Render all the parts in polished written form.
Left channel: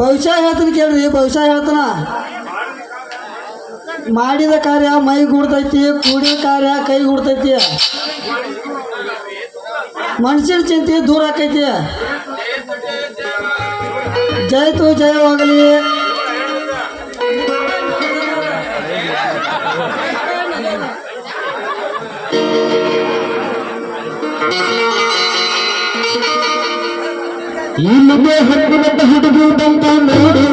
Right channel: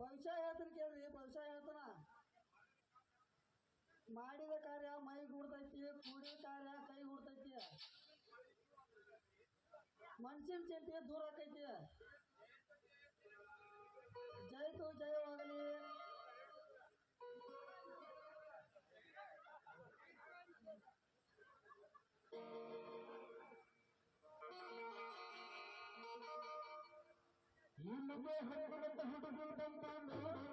ಭವಿಷ್ಯ ಹೇಳ್ತೀನಿ ಕೇಳ್ರಿ, ಭವಿಷ್ಯ ಹೇಳ್ತಾನ. ಮಾಡಿದ ಕಾರ್ಯ ಮೈ ಗೂಡ್ತೈತಿ, ಕೂಡಿದ ಕಾರ್ಯ ಕೈ ಗೂಡ್ತೈತಿ, ಮನುಷ್ಯನ ಚಿಂತೆ ದೂರ ಆಕೈತಿ. ಜಯತು ಜಯವಾಗಲಿ. ಇಲ್ಲಿಗೆ ಹತ್ತಿರದ ಹುಡುಗಿ ಬಂತ ನೋಡು,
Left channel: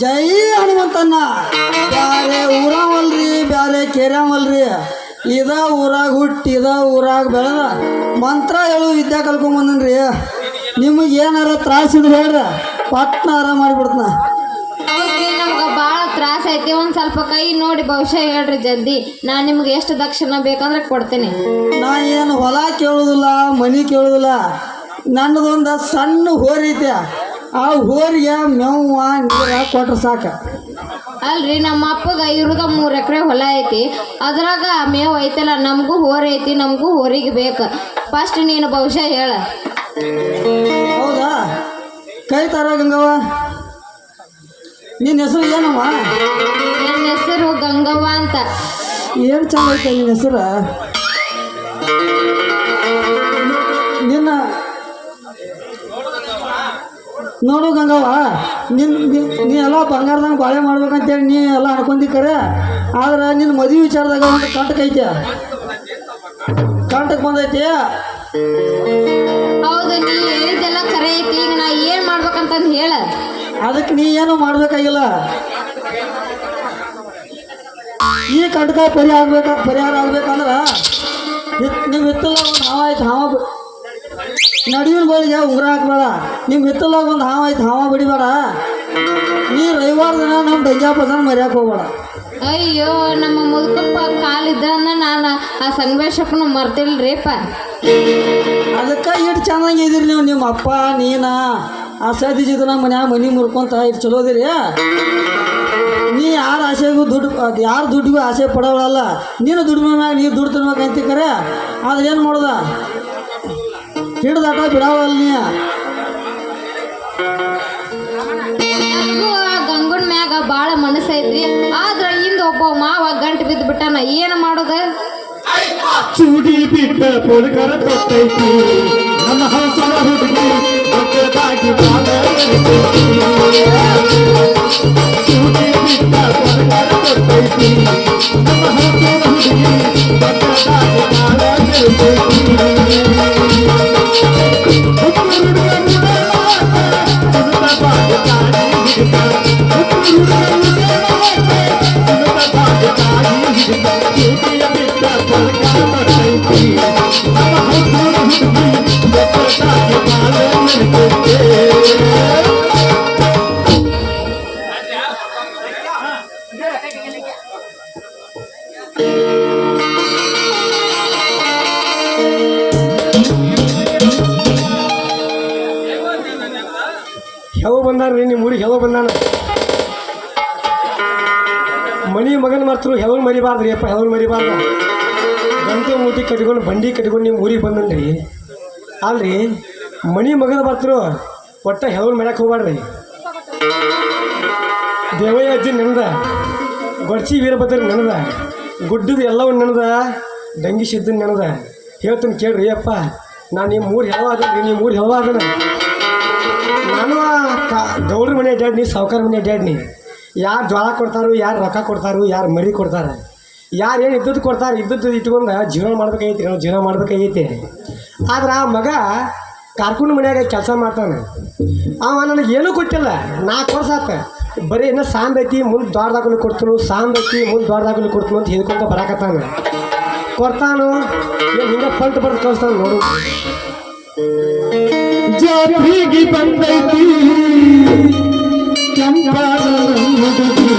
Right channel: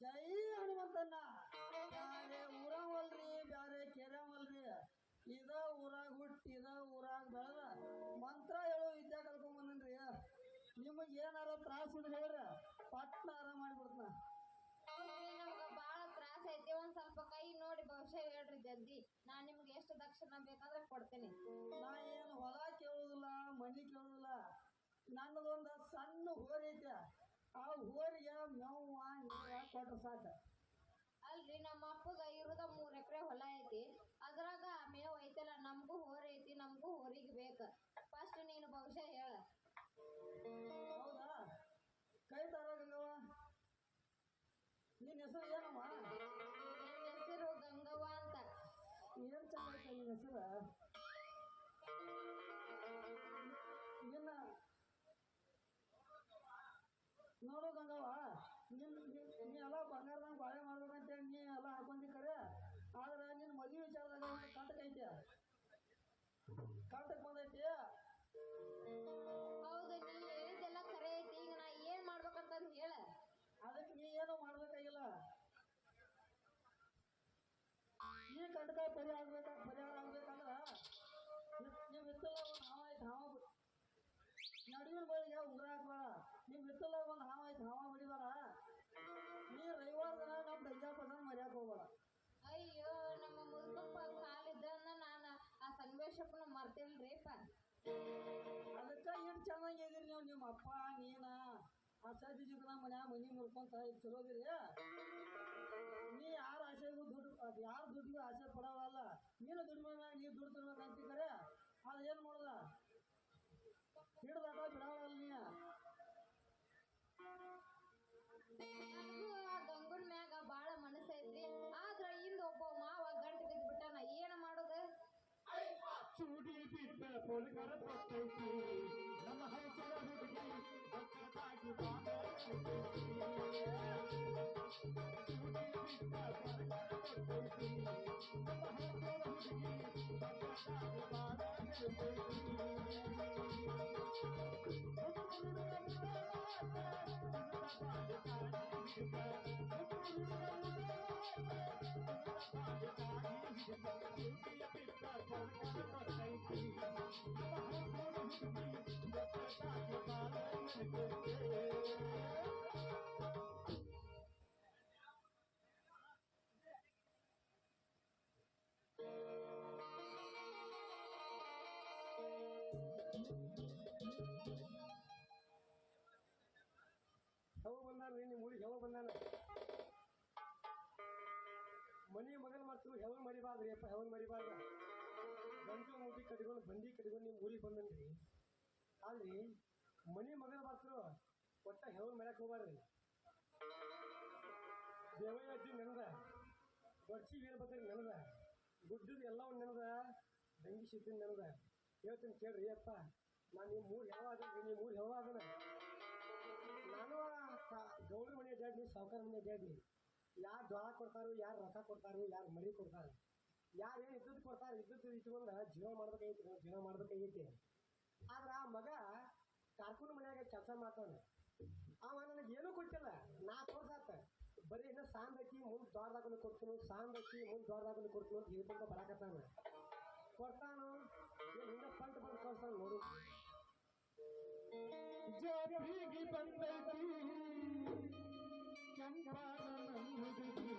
ಜೈ ಹನುಮಂತಣ್ಣ. ಬ್ಯಾರೆ ಊರಾವಲ್ರಿ, ಬ್ಯಾರೆ ಕೇರ್ಯಾವಲ್ರಿ, ಇದ ಊರಾಗ ಹುಟ್ಟಿ ಇದ ಊರಾಗ ಬೆಳೆದ ಮಂತ್ರ ಹೇಳು ವಿದ್ಯಾ ಕಲ್ಕೊಂಬಂದನ್ರಿ. ನಿಮಗೆ ಏನಾರ ತ್ರಾಸಿದ್ರೆ ಹೇಳ್ರಿ, ಪಟ್ನ ಆರಾಮ ಮಾಡಿಬಿಡ್ತನ. ನಮ್ಗೆ ಭಾಳ ತ್ರಾಸ ಐತಿ. ಒಂದು ಸ್ವಲ್ಪ ಕೈ ನೋಡಿ ಭವಿಷ್ಯ ಹೇಳ್ರಿ ಜಲ್ದಿ. ನಾನು ನಿಮ್ಗೆ ಎಷ್ಟು ದಕ್ಷಿಣ ಬೇಕಂದ್ರೆ ಕೊಡ್ತೇನೆ. ನಾ ಏನು ಹೊಲ ಕೇಳೋದಿಲ್ಲ, ಮನೆ ಕೇಳೋದಿಲ್ಲ. ನನ್ನದೊಂದು ಸಣ್ಣ ಹೋರಿ ಐತೆ, ಆ ಹೋರಿಗೆ ಮೇವ ನೀರ ಕೊಟ್ರೆ ಸಾಕು. ಅಲ್ರಿ ನಮ್ಮ ಅಪ್ಪಗ ಇರೋದ 3 ಎಕರೆ ಹೊಲ ಐತಿ, ಅದ್ರಾಗ ಮೇವು ಐತಲ್ಲ. ನಮಗೂ ಹೋರಿ ಐತಿ, ನಮಗೂ ಹೋರಿಗೆ ಬೇಕು. ಫಸ್ಟ್ ನೀನು ಭವಿಷ್ಯ ಹೇಳ. ಹೌದಾ? ಕೈ ತರ ಗಂಗವ್ವ, ನಿನ್ನ ಹೆಸರು ಏನಮ್ಮ? ನನ್ನ ಹೆಸರು ಗಂಗವ್ವ ಅಂತ. ಏನು ಚಂದ ಐತೆ ನಿನ್ನ ಹೆಸರು. ನಿನ್ನ ನೋಡು ಗಂಗವ್ವ, ನೀ ಎಲ್ಲ ಬಂಗಾರದಂಗೆ ಬಾಳೆ ಮಾಡ್ಬೇಕಂತೇಳಿ ನೀ ಎಲ್ಲ ಅನ್ಕೊಂಡಿ ಕರೆ. ಆದ್ರೆ ನಿನ್ನ ಮದುವೆ ವಿಚಾರದಾಗ ಒಂದು ಕಂಟಕ ಐತೆ, ಕಂಟಕ್ ಬಂದೈತಿ. ಹೌದು, ನೀ ಹೇಳಿದ್ದೆಲ್ಲ ಖರೆ ಐತಿ. ಈಗ ನಾ ಏನು ಮಾಡ್ಬೇಕಂತಂದು ಹೇಳ. ಅದಕ್ಕೆ ನೀ ಏನು ಮಾಡ್ಬೇಕಾಗಿಲ್ಲ. ಈ ಕಂಟಕ ಪರಿಹಾರ ಆಗ್ಬೇಕಂದ್ರೆ ನೀವು ಹಿತ್ತಲ ಒಂದು ಹಾವ ಆಯ್ತು, ಹಾವ ನಡುವಿನ ಬಳಿಗೆ ಉಂಗುರ ಹಾಕ್ಬೇಡ. ನಿಮ್ಮ ಹಿತ್ತಲಾಗ ಒಂದು ಹಾವ ಆಯ್ತು, ಹಾವ ಬಿಡಿಬೇಡ. ನೀ ರವಿವಾರ ದಿನ ನಮ್ಮ ದಂಜಾಪದನ ಮರ್ಯಾಕೆ ಹೋಗ್ಬೇಡ. ಅಯ್ಯೋ, ನಮ್ಮ ಮುದುಕಪ್ಪ ಕಾಲಿದ್ದನ್ನ ನಾನು ಆ ಸಂಗಮೇಶಪ್ಪನ ಮರ್ತಿಲ್ರಿಪ್ಪ. ಅದಕ್ಕೆ ಇಟ್ಟು ಚೆನ್ನಾಗಿ ಇದೀರಿ ನೀವು, ನಿಮ್ಮ ಅಪ್ಪ ನೀನ ಆ ಸದಿ ಜಿದನ ಮನೆ ಮುರ್ಕೊಂತ ಇಟ್ಟು ಚಲೋದಿರಿ. ನೀ ಯಾರ ಆಸೆಗೂ ಯಾರು ದುಡ್ಡಿಗೂ ಆಸೆ ಪಡೋಳಲ್ಲ. ನೀನು ದುಡಿಮೆ ಮ್ಯಾಗ ನೀರು ದುಡ್ಡು ತಿನ್ಬೇಕಂತ ಕರೆ. ಆದ್ರೆ ಏನು ಮಾಡೋದ, ಹಿಡ್ದಾಟ ಬಿಡಾವಲ್ಲ ನೀ. ಗಂಗುನ್ ಮ್ಯಾಗ ಭಾಳ ಮನಸ್ಸೈತ್ರಿ. ಆದ್ರೆ ಇಂದ ಒಬ್ಬ ಮಾವ ಗಂಟು ಬಿದ್ದು ಬಿಟ್ಟಾನ. ಏನು ಮಾಡೋದ? ಚೂಡಿ ಬಿಟ್ಟ ಪೋಲ್ಕರ ಕೊಟ್ಟೈತಿ ನಮ್ಮ ಹಂಸನ ಹುಡುಗಿ ಒಕ್ಕದಾಗಿ ಚೂಡಿ ಬಿಟ್ಟ ಪೋಲ್ಕರ ಕೊಟ್ಟೈತಿ ನಮ್ಮ ಹಂಸನ ಹುಡುಗಿ ಒಕ್ಕದಾಗಿ ಯಾವ ಬಂದಾರ ರೀ ನಿಮ್ಮ ಊರಿಗೆ ಯಾವ ಬಂದಾನ ಮನಿ ಮಗನ ಮಾತ್ರ ಹೆವನ್ ಮರಿಬಾರ್ದ್ರಿ ಅಪ್ಪ, ಹೆವನ್ ಮರಿಬಾರ್ದು. ಗಂಟೆ ಮೂತಿ ಕಟ್ಕೊಂಡು ಬಂಡಿ ಕಟ್ಕೊಂಡು ನೀವು ಊರಿಗೆ ಬಂದನ್ರಿ ಅಲ್ರಿ. ಮನಿ ಮಗನ ಬರ್ತರು ಒಟ್ಟ ಹೆವನ್ ಮರ್ಯಾಕೆ ಹೋಗ್ಬಾರ್ರಿ. ದೇವಯ್ಯ ಅಜ್ಜಿ ನೆನದ, ಗೊಡ್ಚಿ ವೀರಭದ್ರ ನೆನದ, ಗುಡ್ಡದ ಎಲ್ಲವೂ ನೆನದ, ದಂಗಿ ಸಿದ್ದ ನೆನದ. ಹೇಳ್ತೀನಿ ಕೇಳ್ರಿ ಅಪ್ಪ, ನಾನು ನಿಮ್ಮ ಊರು ಹೆವ ಅದನ್ರಿ, ನಿಮ್ಮ ಊರು ಹೆವ ಅದನ. ನಾನು ಗೌಡ್ರ ಮನೆ ಅಡ್ಡಾಡ್ನಿ, ಸಾವುಕಾರ ಮನೆ ಅಡ್ಡಾಡ್ನಿ. ಯಾರು ಜ್ವಾಳ ಕೊಡ್ತಾರೋ, ಯಾರು ರೊಕ್ಕ ಕೊಡ್ತಾರೋ, ಯಾರು ಮರಿ ಕೊಡ್ತಾರೆ, ಯಾರು ಏನು ಇದ್ದದ್ದು ಕೊಡ್ತಾರೆ, ಇದ್ದದ್ದು ಇಟ್ಕೊಂಡು ಜೀವನ ಮಾಡ್ಬೇಕಾಗೈತಿ, ನಾವು ಜೀವನ ಮಾಡ್ಬೇಕಾಗೈತಿ. ಆದ್ರೆ ಆ ಮಗ ಕಾರ್ಕುಂಡ್ ಮನ್ಯಾಗ ಕೆಲಸ ಮಾಡ್ತಾನೆ. ಅವ ನನಗೆ ಏನೂ ಕೊಟ್ಟಿಲ್ಲ, 4 ವರ್ಷ ಆತ. ಬರೀ ಇನ್ನೂ ಸಾಂದ್ ಐತಿ, ಮುಂದೆ ದ್ವಾರದಾಗಲು ಕೊಡ್ತಾನು, ಸಾಂದ್ ಐತಿ ಮುಂದೆ ದ್ವಾರದಾಗಲು ಕೊಡ್ತಾನು ಅಂತ ಹೇಳ್ಕೊಂತ ಬರಾಕತ್ತಾನ. ಕೊಡ್ತಾನು ಏನು ಹಿಂಗೆ ಪಲ್ಟ್ ಬರ್ದು ಕಳಿಸ್ತಾನೆ ನೋಡು. ಜಾರಿಗೆ ಬಂದೈತಿ ಕೆಂಪಾದ ಹುಡುಗಿ,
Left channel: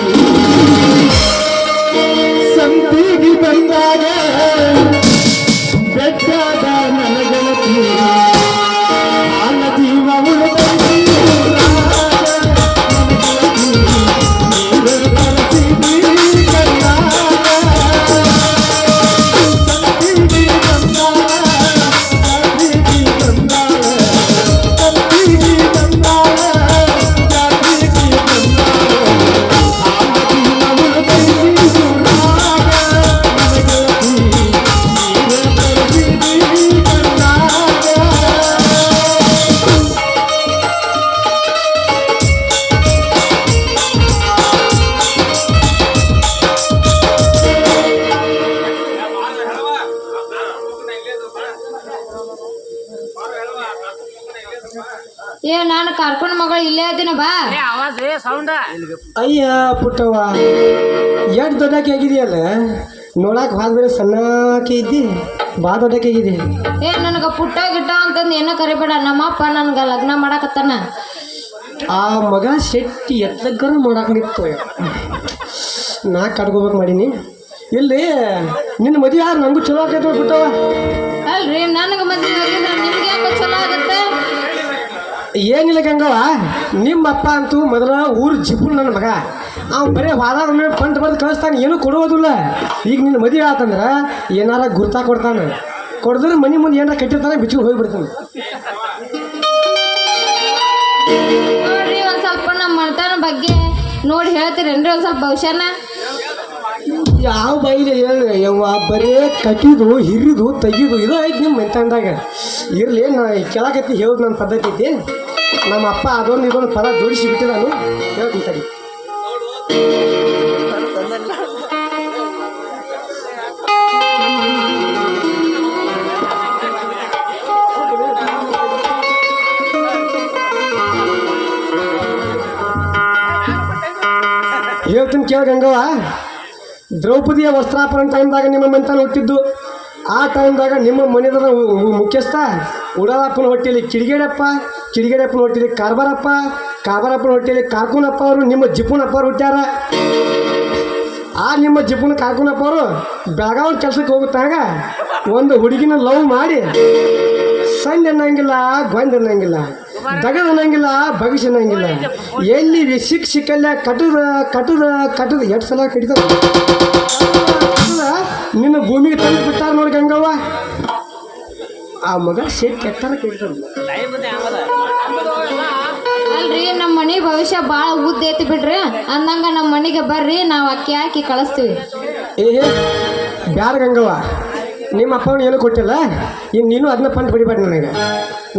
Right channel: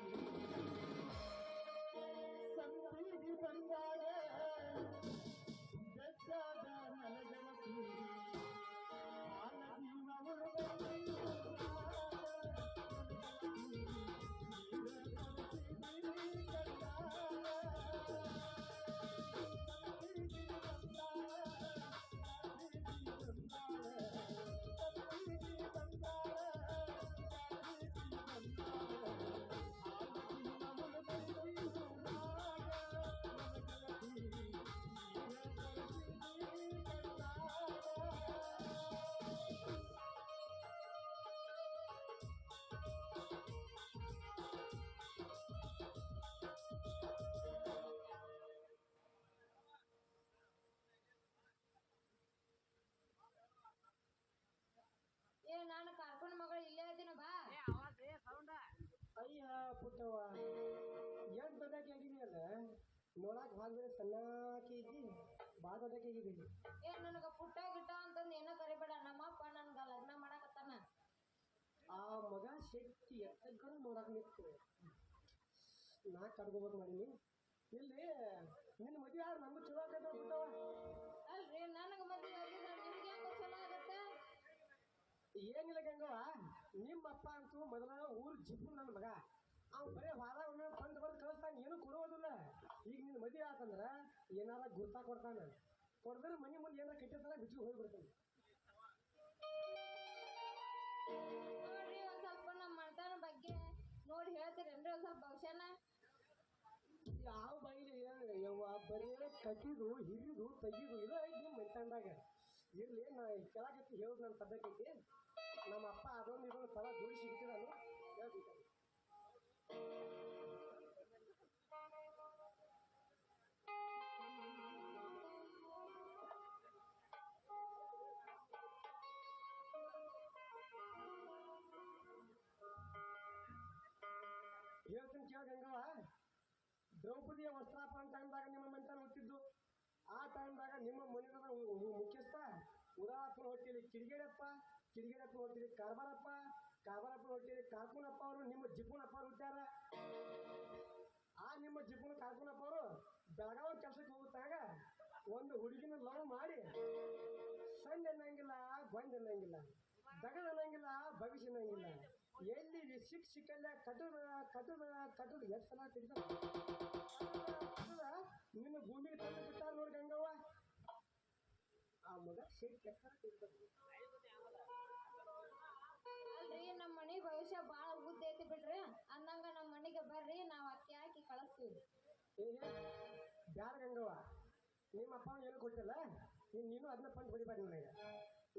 ಸಂತಿಗೆ ಬಂದಾಗ ಬೆಟ್ಟದ ನನಗೆಳತಿ, ಆನ ಜೀವ ಉಳಿದೈತಿ ನೀರು ಕರೆಸಿದಿ ಕಣ್ಣಾಗ, ಸಂತಿಗೆ ಬಂದಾಗ ಜಾತ್ರೆಗೆ ಬಂದಾಗ, ಸಂತಿಗೆ ಬಂದಾಗ ಜಾತ್ರೆಗೆ ಬಂದಾಗ, ಆನ ಜೀವ ಉಳಿದೈತಿ ಸುಳ್ಳಾಗ ನನಗೆಳತಿ, ನೀರು ಕರೆಸಿದಿ ಕಣ್ಣಾಗ. ಏ ನಾನು ಕರ್ಕೊಂಡ್ ಮಗಳು ಇಲ್ಲೇ ಇದ್ದೀನಿ ಬಾ. ಅಯ್ಯ ಪುಟ್ಟವ್ವ, ಎಷ್ಟು ದೊಡ್ಡಕ್ಕೆ ಆಗಿದೆಯಲ್ಲ, ನೋಡಕ್ಕೆ ಭಾಳ ಬೇರೆ ಸಣ್ಣಕ್ಕೆ ಇದ್ದಿ, ಭಾಳ ದೊಡ್ಡಕ್ಕೆ ಆಗಿದೆ. ಏ ನನಗೆ ಪುಟ್ಟ ಗಿಟ್ಟ ಅಂತಂದು ಏನೋ ಕರಿಬೇಡ, ನಮ್ಮಪ್ಪ ನನ್ಗೆ ಲಗ್ನ ಮಾಡಕತ್ತಾನ. ಆ ಮಗ ಶೆಟ್ಟಿ ಎತ್ತಗರ ನೋಡಕ್ಕೆ ನಿಂತು ನಾ ಕಟ್ಕೋಬೇಕು ಮಾಡೀನಿ. ಇಲ್ಲಿ ನಿನ್ನ ಮದುವೆ ಯಾರು ನಂಗೂ ಚಲೋ ಆಕೈತೆ ಪುಟ್ಟವ್ವ. ಅಲ್ರಿ ನನಗೆ ಮದುವೆ ಆಗಿದ್ರೆ ನಿಮ್ಗೆ ಯಾಕೆ ಚಲೋ ಆಗುತ್ತೆ? ಏನಿಲ್ಲ ಗಂಗವ್ವ, ನಿಮ್ಮ ಅಪ್ಪ ಅಂತೂ ಮೊದಲ ಊರು ಜಿಪ್ಪು ನನ್ನ ಮಗ. ಅವ್ನು ಬರೀ ವಾದ ಪಂಟ್ ಬರ್ದು ಕಳಿಸ್ತಾನೆ, ಏನೂ ಕೊಡೋದಿಲ್ಲ. ಈಗ ನಿನ್ನ ಮದುವೆ ಆತಂದ್ರೆ ಏನಾರ ಗುರ್ತಾ ಕೊಡ್ತಾನೆ, ಕೊಡಿದ್ರೆ ಮನೆ ಮುಂದೆ ಏನಾರ ಕಟ್ಟಿರ್ತಾನೆ, ಬಿಚ್ಚಿಗೆ ಹೋಗಿಬಿಡ್ತಾನೆ. ನೋಡ್ರಿ ಒಂದು ಸ್ವಲ್ಪ ನಮ್ಮ ಮನೆತನ ಬಗ್ಗೆ ನೋಡಿ ಹೇಳ್ತೀರೇನ್ರಿ ಒಂದು ಸ್ವಲ್ಪ ಭವಿಷ್ಯನ? ಯಾವ ಬೈಲಿ ಹೇಳಿ ಯವ್ವ, ಬರೀ ಕಟ್ಟಿದು ಹಿರಿದು ತೆಗಿದು ಇದು ಐತಿ ನಿಮ್ಮ ಮೆಂತಂದಾಗ. ಇರಲಿ, ನಾ ಕೆಳಕತ್ತಿ ಹೇಳೋದು ನನ್ನ ಪದ್ಧತಿ ಐತಿ. ನಮ್ಮ ಅಪ್ಪ ಅದೊಂದು ಇದೊಂದು ಪದ ಜೋಡಿಸಿ ಬಿಟ್ಟು ನಾನು ಹೇಳ್ತೀನಿ ತಡಿ. ಹೇಳ್ತೀನಿ ಕೇಳ ಗಂಗವ್ವ, ದ್ರೌಪದಿಯ ವಸ್ತ್ರಾಪರಣ ಟೈಮ್ದಾಗ ನಿಮ್ಮ ಮನೆತನ ಹುಟ್ಟಿದ್ದು. ಆ ಟೈಮ್ದಾಗ ನಿಮ್ಮ ಮನೆದ ಮುಖ್ಯಸ್ಥ ಉಡಾಲಪ್ಪನ ಹೊಟ್ಟೆಯಲ್ಲಿ ಕಿಡಿಗೇಡಪ್ಪನ ಹೊಟ್ಟೆಯಲ್ಲಿ ಕಾರ್ಬಾರಪ್ಪನ ಹೊಟ್ಟೆಯಲ್ಲಿ ಕಾರ್ಕುನಪ್ಪ ಅವರು ನಿಮ್ಮ ಜಿಪ್ಪುನಪ್ಪ ಅವರು ಹುಟ್ಟ್ಯಾರ. ಆ ನಿಮ್ಮ ಜಿಪ್ಪುನ ಕಾರ್ಕುನಪ್ಪ ಅವರು ಬೆಳಗಾವಿ ಕೆಲಸಕ್ಕೆ ಹೋಗುತ್ತಾಗ ಒಂದು ಹುಡುಗಿನ ಲವ್ ಮಾಡಿ ಸಂಜೆ ಅನ್ನಂಗಿಲ್ಲ, ಗೊಂದ್ ಅನ್ನಂಗಿಲ್ಲ, ದಗದ ಅನ್ನಂಗಿಲ್ಲ, ಭವಿಷ್ಯ ಅನ್ನಂಗಿಲ್ಲ, ಎಲ್ಲಿ ಸಿಕ್ಕಲ್ಲ ಕಟ್ಟದ ಎಷ್ಟು ಸಲ ಕಡಿತ ನಿನ್ನ ಭೂಮಿಗೆ ತಂದು ಬಿಟ್ಟಾರ ನೋಡಿ ಗಂಗವ್ವ. ಆ ಮಗ ಶೇಟ್ ಕೆಟ್ಟಾರ ಕಡಿತಾರ. ಅಲ್ರಿ ನಮ್ಮ ಮನೆ ಭವಿಷ್ಯ ಭಾಳ ಉದ್ದ ಐತಿ ಬಿಡ್ರಿ, ಅಂದಂಗ ನಮ್ಮ ಮನೆಗೆ ಬರ್ರಿ, ನಾವು ಅಕ್ಕಿ ಹಾಕಿ ಕಳಿಸ್ತೀವಿ. ಬ್ಯಾರ ಗಂಗವ್ವ, ನಿಮ್ಮ ಅಪ್ಪನ ಏನೂ ಕೊಟ್ಟಿಲ್ಲ, ಇನ್ನು ನೀನು ಅದನ್ನ ಪಂಟ್ ಬಿಡಿಬೇಡ.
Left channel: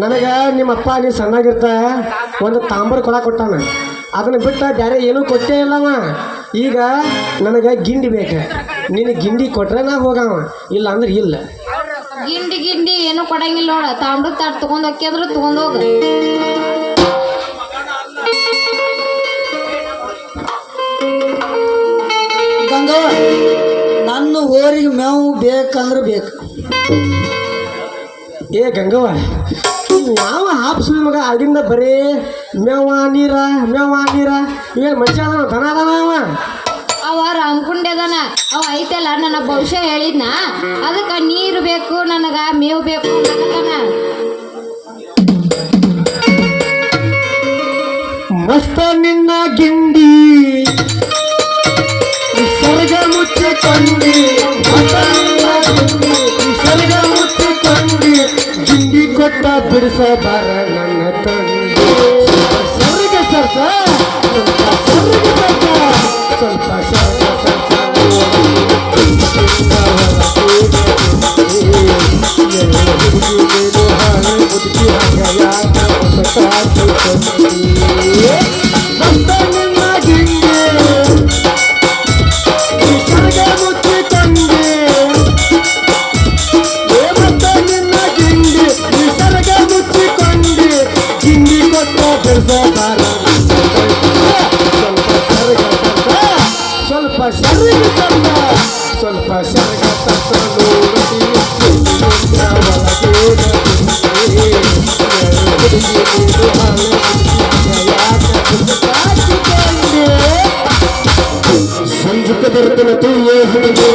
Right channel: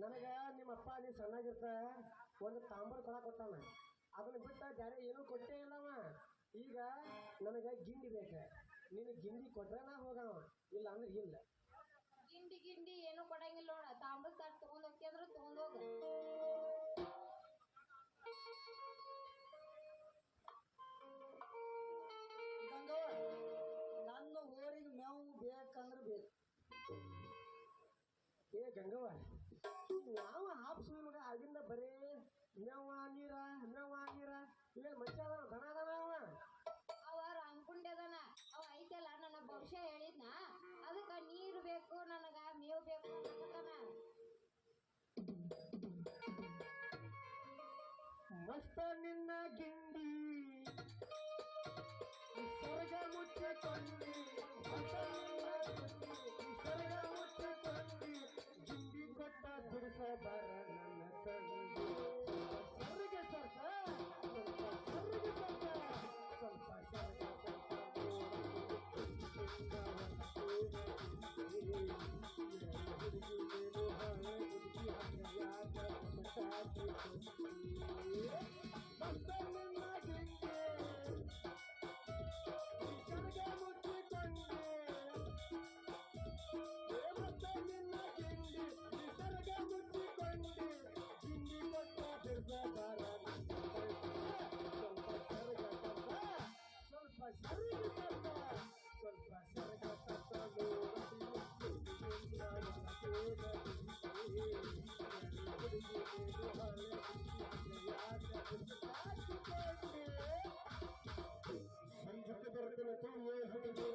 ನನಗೆ ನಿಮ್ಮ ಅಪ್ಪ ನೀನು ಸಣ್ಣಾಗಿರ್ತ ಒಂದು ತಾಂಬರ್ ಕೊಟ್ಟಾನ, ಅದನ್ನು ಬಿಟ್ಟು ಬೇರೆ ಏನೂ ಕೊಟ್ಟೇ ಇಲ್ಲವ. ಈಗ ನನಗೆ ಗಿಂಡಿ ಬೇಕು, ನೀನು ಗಿಂಡಿ ಕೊಟ್ರೆ ನಾ ಹೋಗವ, ಇಲ್ಲ ಅಂದ್ರೆ ಇಲ್ಲ. ಗಿಂಡಿ ಏನು ಕೊಡಂಗಿಲ್ಲ ನೋಡ, ತಾಮ್ರದ ತಾಟ್ ತೊಗೊಂಡು ಹೋಗಿ ಅಂದ್ರೆ ತೊಗೊಂಡೋಗ. ಗಂಗವ್ವ, ನನ್ನ ಊರಿಗೆ ಮೇವು ಬೇಕಂದ್ರೆ ಬೇಕು. ಏ ಗಂಗವ್ವ, ಯಾವ ಹಾಪ್ಸುಳಿ ಮಗ ಆಗಿಂದ ಬರೀ ಮೇವ ನೀರ ಏನು ಮನುಷ್ಯ ಅದಾನ, ದನ ಅದಾನ ಅವ. ಅವ ರಾಮಕುಂಡೆದನ, ಅವ ಐತಲ್ಲ ನನ್ನ ಭವಿಷ್ಯ ಹೇಳಿದ್ನ, ಅದಕ್ಕೆ ನೀರು ಬೇಕು ನನಗೆ, ಮೇವು ಬೇಕು ಅನ್ನಕತ್ತಾನ. ಮಸ್ತ ನಿನ್ನ ಗಿಂಡಿ ಸ್ವರ್ಗ ಬಿಡಿಸಬಾರ ನನ್ನ ತಂದೆ ಸ್ವರ್ಗ ಸರ್ಸ ಸ್ವಲ್ಪ ಸ್ವಲ್ಪ ಸರ್ಗ ಸಂಜುಕ ಬರ್ತನ ತುಯ್ಯ ಹುಡುಗಿ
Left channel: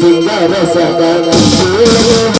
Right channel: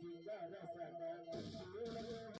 ಸಿಂಗಾರ ಸದನ